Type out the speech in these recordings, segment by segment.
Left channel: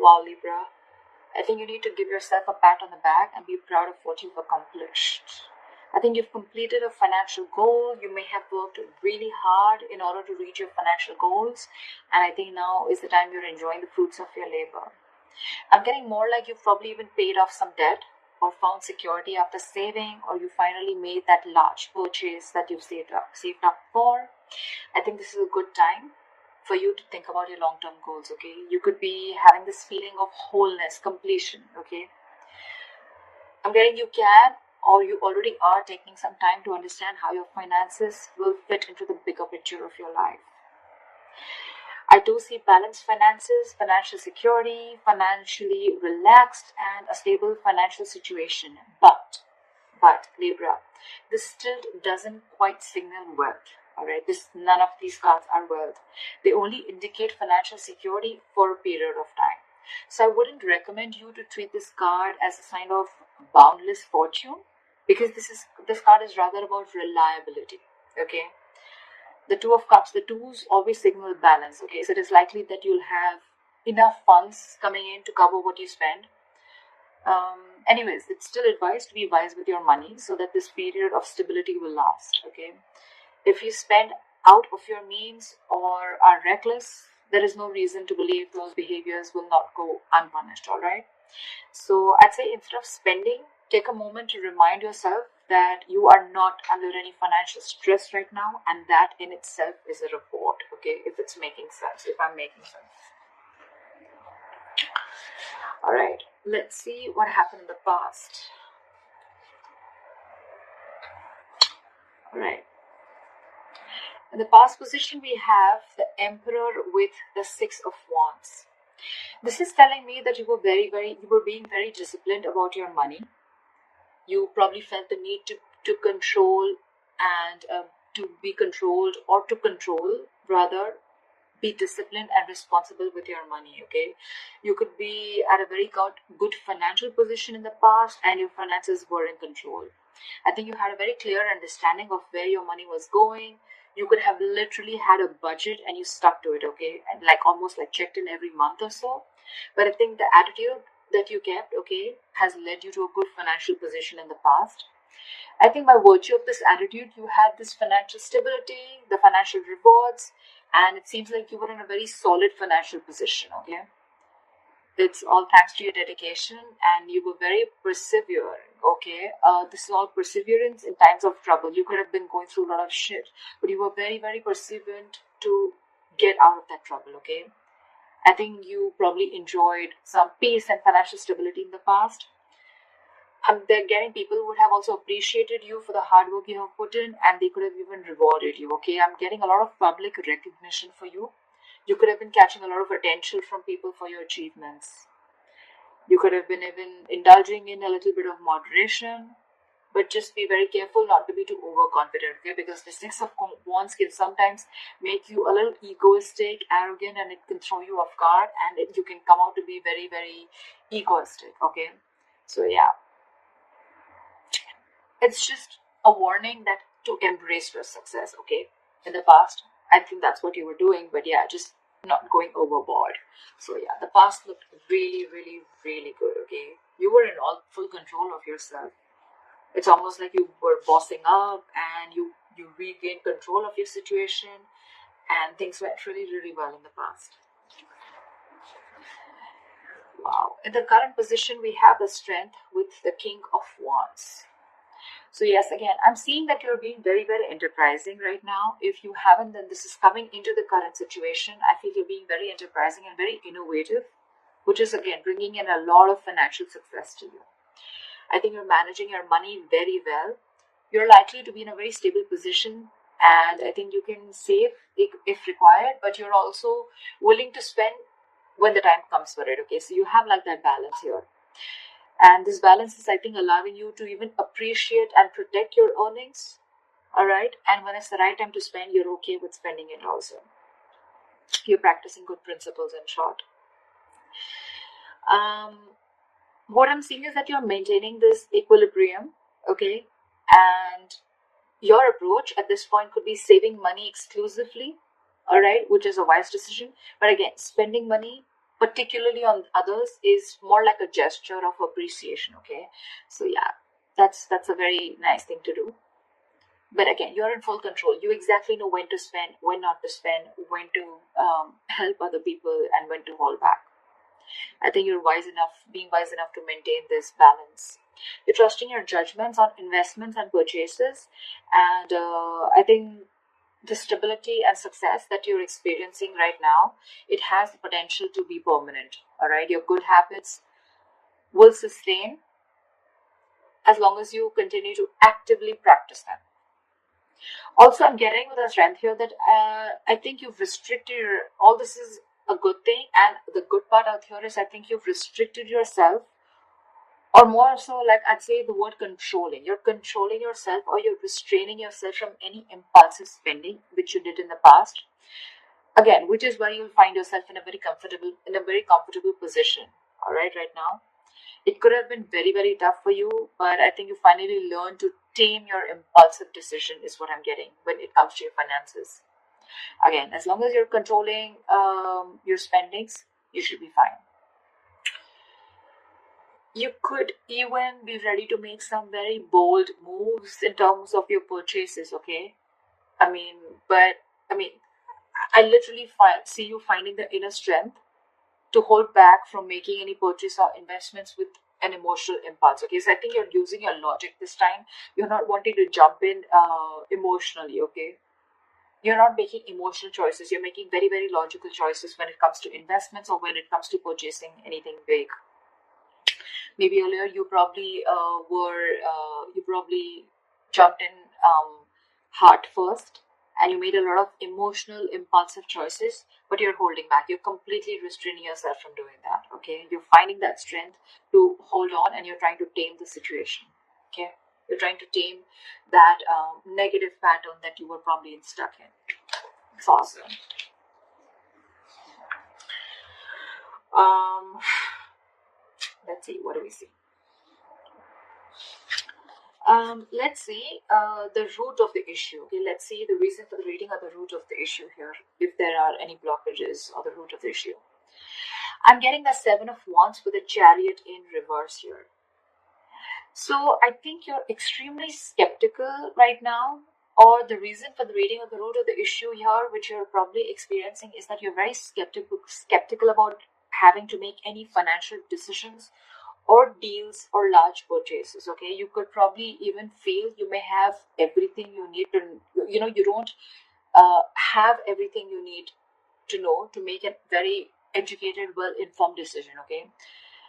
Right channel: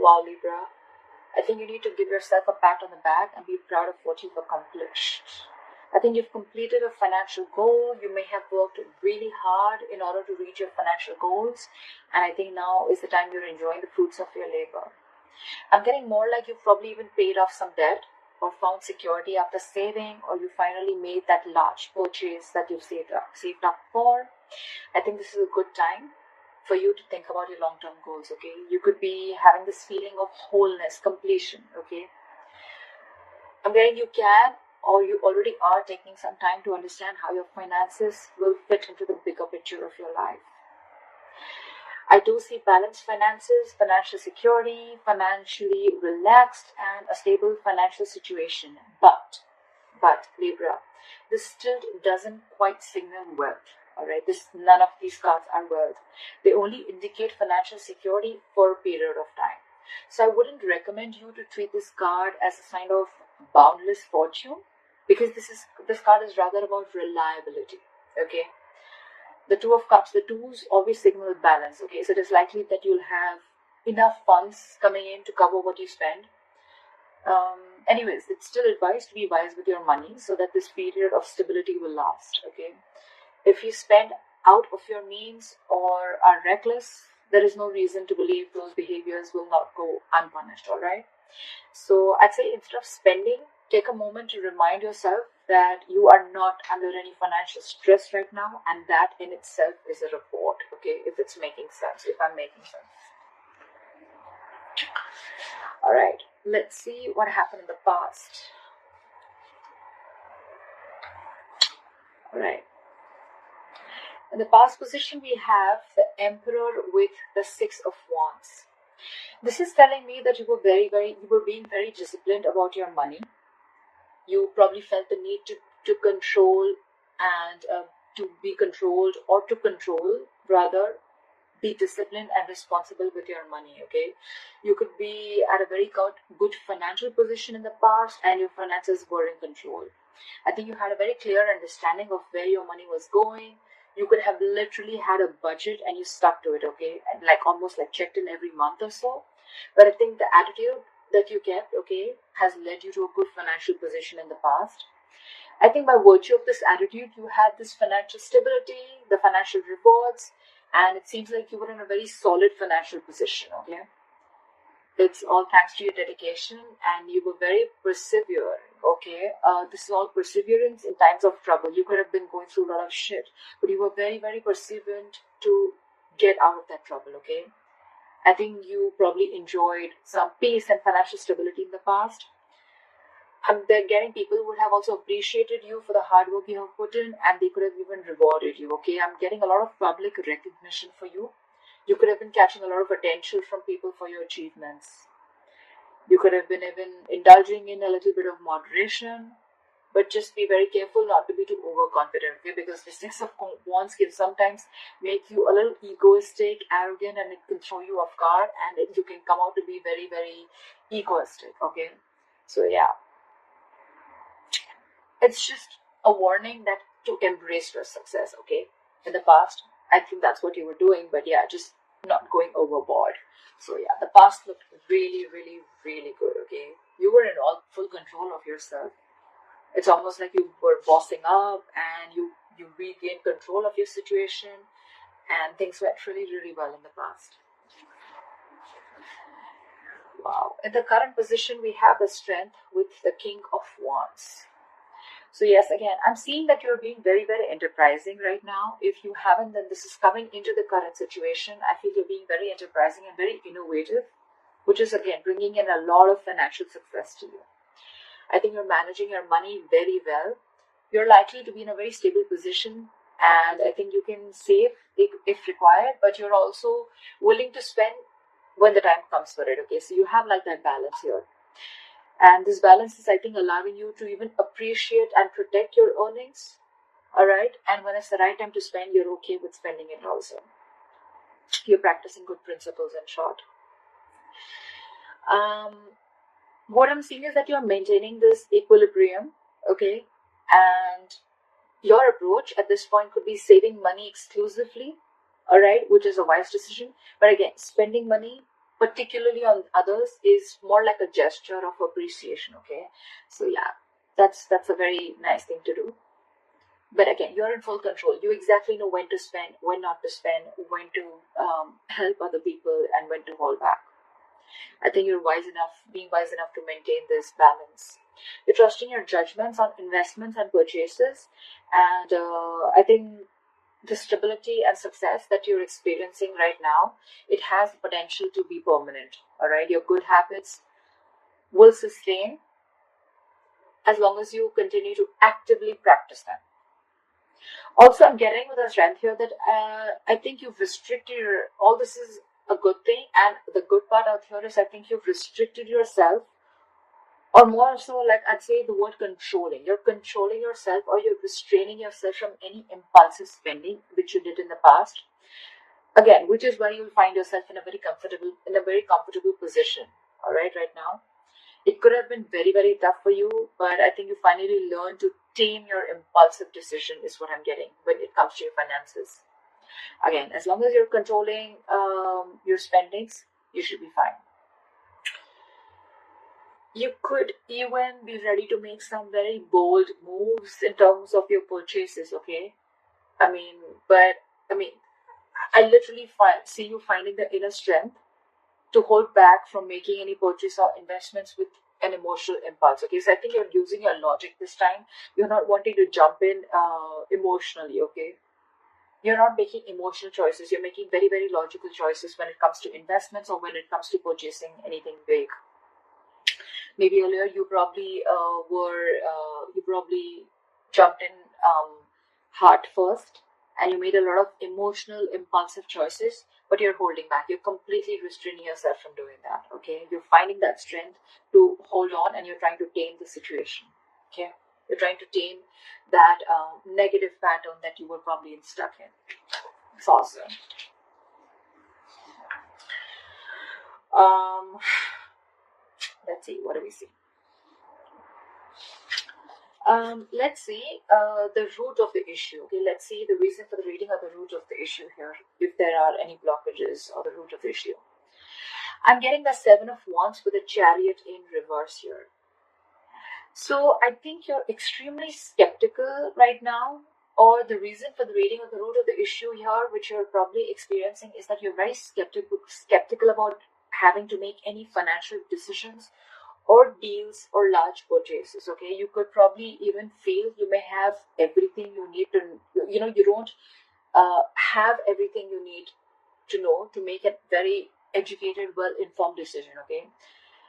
Wow, Libra. I think you need to give yourself a pat on the back and be proud of what you've accomplished. I think you've completed a financial goal. You may have worked really hard in order to reach your financial goals. And I think now is the time you're enjoying the fruits of your labor. I'm getting more like you've probably even paid off some debt or found security after saving, or you finally made that large purchase that you've saved up for. I think this is a good time for you to think about your long-term goals, okay? You could be having this feeling of wholeness, completion, okay? I'm getting you can or you already are taking some time to understand how your finances will fit into the bigger picture of your life. I do see balanced finances, financial security, financially relaxed, and a stable financial situation. But Libra, this still doesn't quite signal wealth. Alright, none of these cards are wealth. They only indicate financial security for a period of time. So I wouldn't recommend you to treat this card as a sign of boundless fortune, because this card is rather about reliability. Okay. The Two of Cups, the twos always signal balance. Okay, so it is likely that you'll have enough funds coming in to cover what you spend. Anyways, it's still advised to be wise with your money so that this period of stability will last. Okay, if you spend out of your means or are reckless, there is no reason to believe those behaviors will not go unpunished. All right. So I'd say instead of spending, take a moment to remind yourself that you are not under any financial stress right now, and that in itself is a reward. Okay, if it's making sense, if I'm making sense. All right, let's see what happened in the past. All right. In the past position, we have the Emperor with the Six of Wands. This is telling me that you were being very disciplined about your money. You probably felt the need to control and to be controlled, or to control rather, be disciplined and responsible with your money. Okay, you could be at a very good financial position in the past and your finances were in control. I think you had a very clear understanding of where your money was going. You could have literally had a budget and you stuck to it. Okay, and like almost like checked in every month or so. But I think the attitude that you kept, okay, has led you to a good financial position in the past. I think by virtue of this attitude, you had this financial stability, the financial rewards, and it seems like you were in a very solid financial position. Okay, it's all thanks to your dedication, and you were very persevering. Okay, this is all perseverance in times of trouble. You could have been going through a lot of shit, but you were very perseverant to get out of that trouble. Okay, I think you probably enjoyed some peace and financial stability in the past. They're getting people who would have also appreciated you for the hard work you have put in, and they could have even rewarded you. Okay, I'm getting a lot of public recognition for you. You could have been catching a lot of attention from people for your achievements. You could have been even indulging in a little bit of moderation, but just be very careful not to be too overconfident. Okay, because the Six of Wands can sometimes make you a little egoistic, arrogant, and it can throw you off guard, and you can come out to be very egoistic. Okay, so yeah, it's just a warning that to embrace your success. Okay, in the past, I think that's what you were doing, but yeah, just not going overboard. So yeah, the past looked really good. Okay, you were in all full control of yourself. It's almost like you were bossing up and you regained control of your situation, and things went really well in the past. Wow. In the current position, we have the Strength with the King of Wands. So yes, again, I'm seeing that you're being very enterprising right now. If you haven't, then this is coming into the current situation. I feel you're being very enterprising and very innovative, which is again bringing in a lot of financial success to you. I think you're managing your money very well. You're likely to be in a very stable position, and I think you can save if required, but you're also willing to spend when the time comes for it. Okay, so you have like that balance here. And this balance is, I think, allowing you to even appreciate and protect your earnings. All right. And when it's the right time to spend, you're okay with spending it also. You're practicing good principles, in short. What I'm seeing is that you're maintaining this equilibrium. Okay. And your approach at this point could be saving money exclusively. All right. Which is a wise decision. But again, spending money particularly on others, is more like a gesture of appreciation. Okay, so yeah, that's a very nice thing to do. But again, you're in full control. You exactly know when to spend, when not to spend, when to help other people, and when to hold back. I think you're being wise enough to maintain this balance. You're trusting your judgments on investments and purchases, and I think the stability and success that you're experiencing right now, it has the potential to be permanent. All right, your good habits will sustain as long as you continue to actively practice them. Also, I'm getting with a strength here that I think you've restricted all this is a good thing, and the good part out here is I think you've restricted yourself, or more so, like I'd say the word controlling. You're controlling yourself, or you're restraining yourself from any impulsive spending which you did in the past. Again, which is why you'll find yourself in a very comfortable position. All right, right now. It could have been very, very tough for you, but I think you finally learned to tame your impulsive decision, is what I'm getting when it comes to your finances. Again, as long as you're controlling your spendings, you should be fine. You could even be ready to make some very bold moves in terms of your purchases, okay? I mean, but I mean, I literally see you finding the inner strength to hold back from making any purchase or investments with an emotional impulse. Okay, so I think you're using your logic this time. You're not wanting to jump in emotionally. Okay, you're not making emotional choices. You're making very, very logical choices when it comes to investments or when it comes to purchasing anything big. Maybe earlier you probably you probably jumped in heart first, and you made a lot of emotional impulsive choices, but you're holding back. You're completely restraining yourself from doing that. Okay, you're finding that strength to hold on, and you're trying to tame the situation. Okay, you're trying to tame that negative pattern that you were probably stuck in. It's awesome. um let's see, what do we see? Let's see the root of the issue. Okay, let's see the reason for the reading or the root of the issue here. If there are any blockages or the root of the issue, I'm getting the Seven of Wands with a Chariot in reverse here. So I think you're extremely skeptical right now, or the reason for the reading or the root of the issue here, which you're probably experiencing, is that you're very skeptical about having to make any financial decisions or deals or large purchases. Okay, you could probably even feel you may have everything you need to, you don't have everything you need to know to make a very educated, well informed decision. Okay,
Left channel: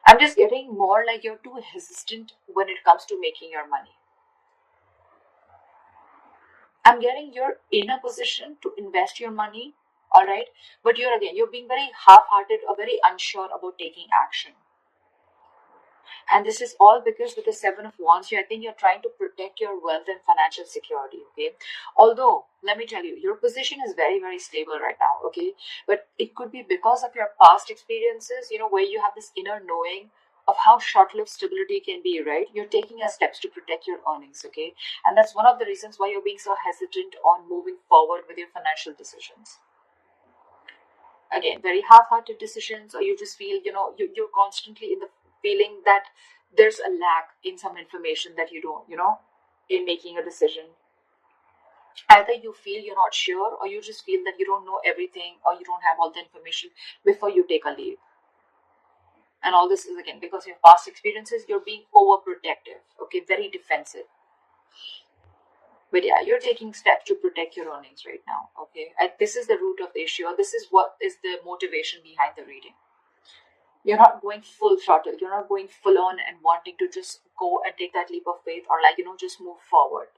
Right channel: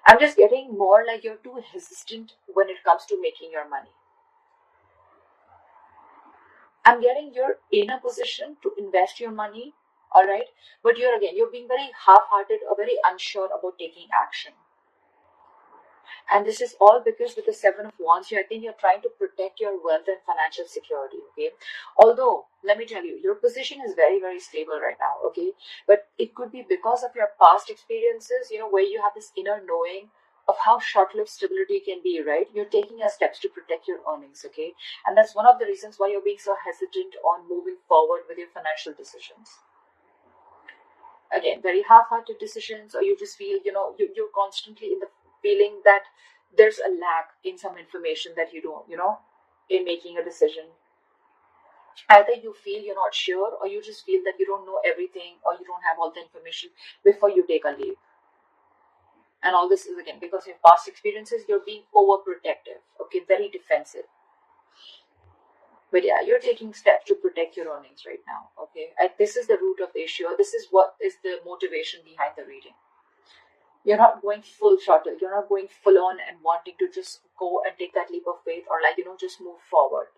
I'm just getting more like you're too hesitant when it comes to making your money. I'm getting you're in a position to invest your money, all right, but you're being very half-hearted or very unsure about taking action. And this is all because with the Seven of Wands here, I think you're trying to protect your wealth and financial security, okay? Although, let me tell you, your position is very, very stable right now, okay? But it could be because of your past experiences, where you have this inner knowing of how short-lived stability can be, right? You're taking steps to protect your earnings, okay? And that's one of the reasons why you're being so hesitant on moving forward with your financial decisions. Again, very half-hearted decisions, or you just feel, you're constantly in the feeling that there's a lack in some information that you don't, in making a decision. Either you feel you're not sure, or you just feel that you don't know everything, or you don't have all the information before you take a leap. And all this is again because of your past experiences. You're being overprotective, okay, very defensive. But yeah, you're taking steps to protect your earnings right now, okay? And this is the root of the issue. This is what is the motivation behind the reading. You're not going full throttle. You're not going full on and wanting to just go and take that leap of faith, or just move forward.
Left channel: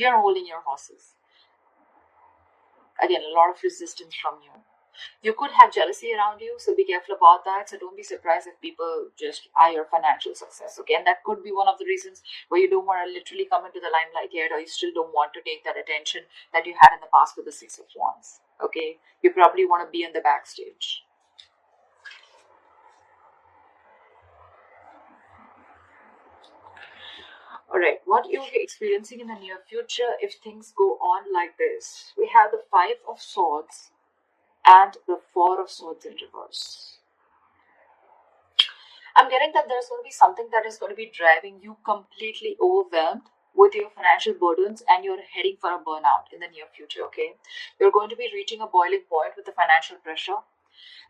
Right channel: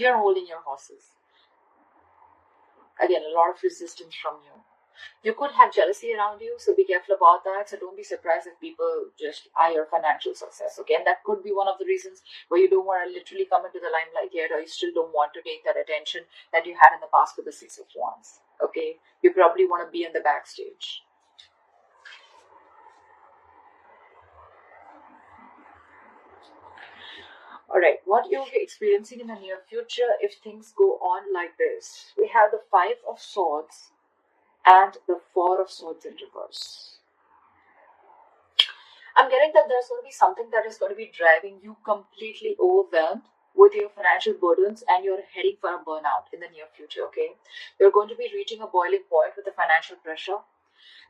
You're holding your horses. Again, a lot of resistance from you. You could have jealousy around you, so be careful about that. So don't be surprised if people just eye your financial success. Okay, and that could be one of the reasons where you don't want to literally come into the limelight yet, or you still don't want to take that attention that you had in the past with the Six of Wands. Okay, you probably want to be in the backstage. Alright, what you'll be experiencing in the near future if things go on like this. We have the Five of Swords and the Four of Swords in reverse. I'm getting that there's going to be something that is going to be driving you completely overwhelmed with your financial burdens, and you're heading for a burnout in the near future, okay? You're going to be reaching a boiling point with the financial pressure.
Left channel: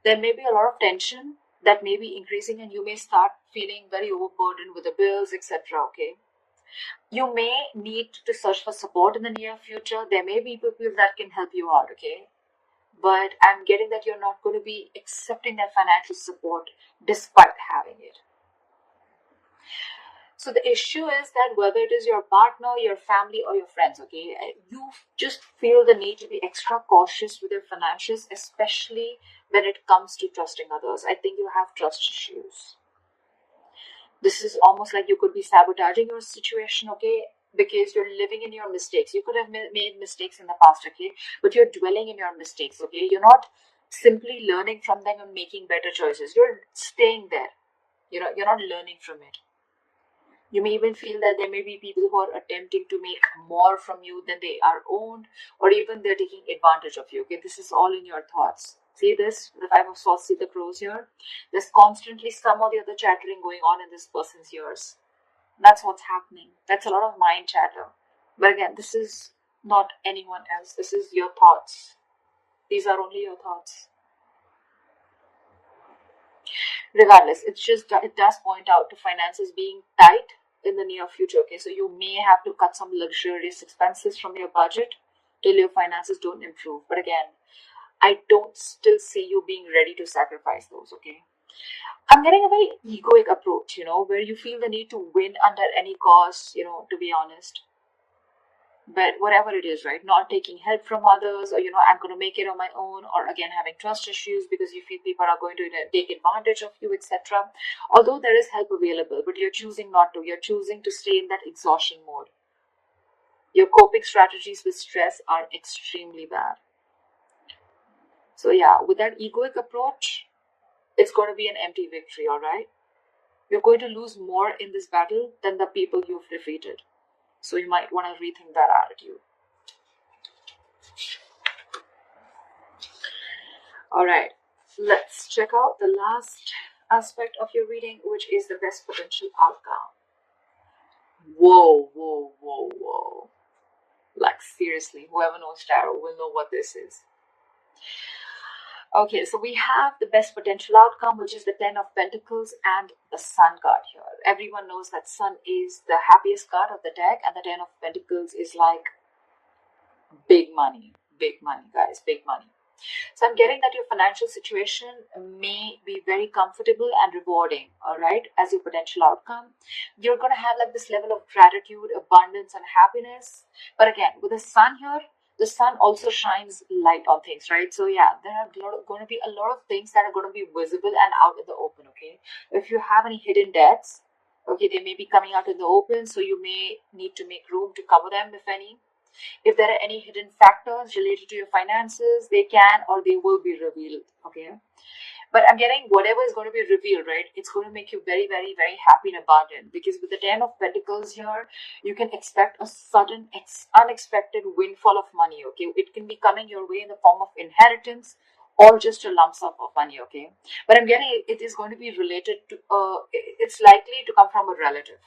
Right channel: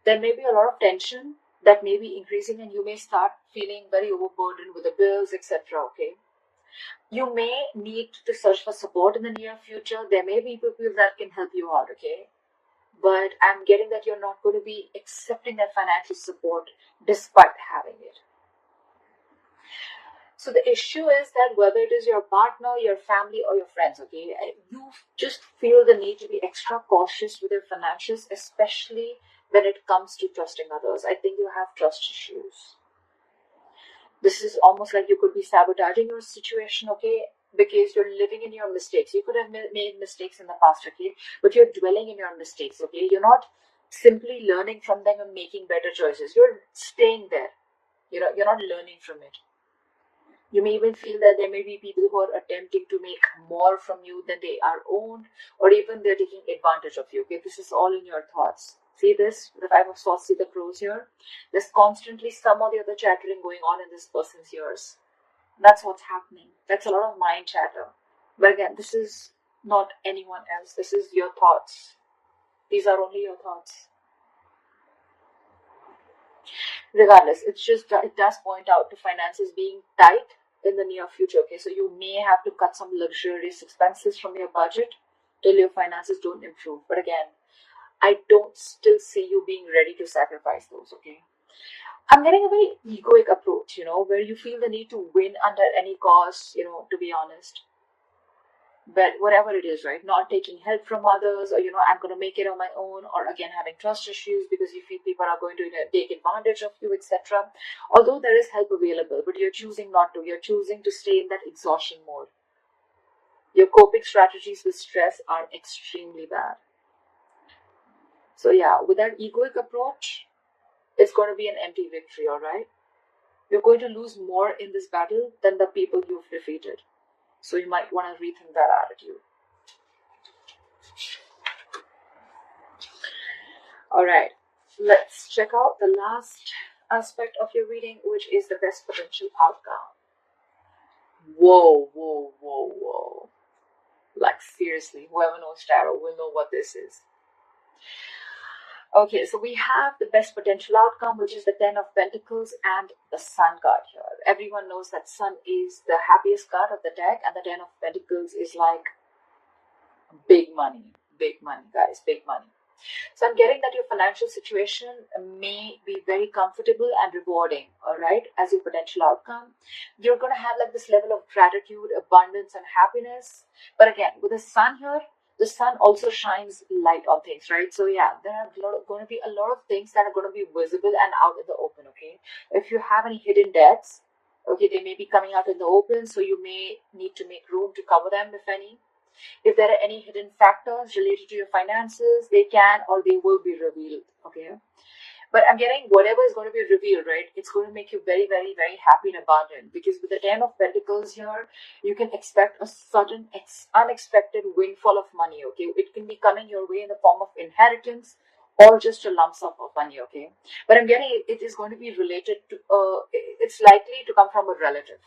There may be a lot of tension that may be increasing, and you may start feeling very overburdened with the bills, etc., okay? You may need to search for support in the near future. There may be people that can help you out, okay? But I'm getting that you're not going to be accepting that financial support despite having it. So the issue is that whether it is your partner, your family, or your friends, okay, you just feel the need to be extra cautious with your financials, especially when it comes to trusting others. I think you have trust issues. This is almost like you could be sabotaging your situation, okay, because you're living in your mistakes. You could have made mistakes in the past, okay, but you're dwelling in your mistakes, okay. You're not simply learning from them and making better choices. You're staying there. You're not learning from it. You may even feel that there may be people who are attempting to make more from you than they are owned, or even they're taking advantage of you. Okay, this is all in your thoughts. See this? The Five of Swords, see the crows here? There's constantly some or the other chattering going on in this person's ears. That's what's happening. That's a lot of mind chatter. But again, this is not anyone else. This is your thoughts. These are only your thoughts. Regardless, it does point out to finances being tight in the near future, okay? So you may have to cut some luxurious expenses from your budget till your finances don't improve. But again, I don't still see you being ready to sacrifice those, okay? I'm getting a very egoic approach, where you feel the need to win under any cost, to be honest. But whatever it is, right? Not taking help from others, or I'm going to make it on my own, or again having trust issues because you feel people are going to take advantage of you, etc. Although there is help available, but you're choosing not to. You're choosing to stay in that exhaustion mode. Your coping strategies with stress are extremely bad. So yeah, with that egoic approach, it's going to be an empty victory, all right? You're going to lose more in this battle than the people you've defeated. So you might want to rethink that attitude. Alright, let's check out the last aspect of your reading, which is the best potential outcome. Whoa. Like seriously, whoever knows tarot will know what this is. Okay, so we have the best potential outcome, which is the Ten of Pentacles and the Sun card here. Everyone knows that Sun is the happiest card of the deck, and the Ten of Pentacles is like big money, guys, big money. So I'm getting that your financial situation may be very comfortable and rewarding, all right, as your potential outcome. You're going to have like this level of gratitude, abundance, and happiness. But again, with the Sun here, the Sun also shines light on things, right? So yeah, there are going to be a lot of things that are going to be visible and out in the open, okay? If you have any hidden debts, okay, they may be coming out in the open, so you may need to make room to cover them, if any. If there are any hidden factors related to your finances, they can or they will be revealed, okay? But I'm getting whatever is going to be revealed, right? It's going to make you very, very, very happy and abundant, because with the Ten of Pentacles here, you can expect a sudden, unexpected windfall of money, okay? It can be coming your way in the form of inheritance or just a lump sum of money, okay? But I'm getting it is going to be related to, it's likely to come from a relative.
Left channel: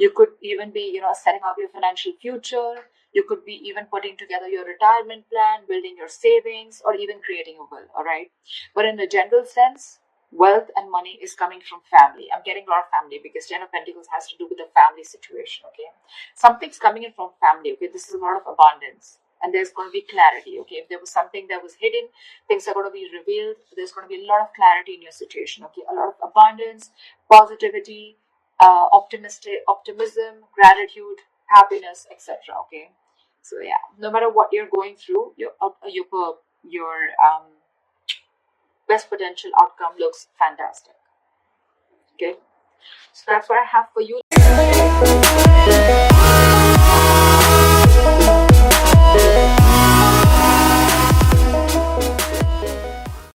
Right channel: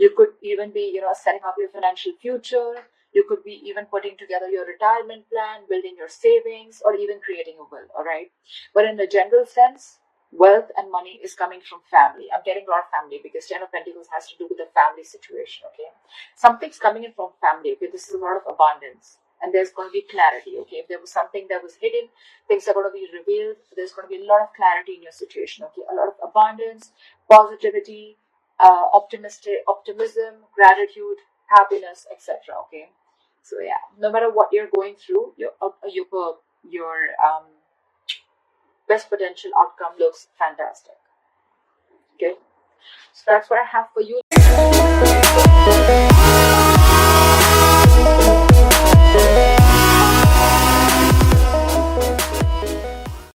You could even be, setting up your financial future. You could be even putting together your retirement plan, building your savings, or even creating a will, all right? But in a general sense, wealth and money is coming from family. I'm getting a lot of family because Ten of Pentacles has to do with the family situation, okay? Something's coming in from family, okay? This is a lot of abundance. And there's going to be clarity, okay? If there was something that was hidden, things are going to be revealed. There's going to be a lot of clarity in your situation, okay? A lot of abundance, positivity, optimism, gratitude, happiness, etc. Okay, so yeah, no matter what you're going through, your best potential outcome looks fantastic. Okay, so that's what I have for you.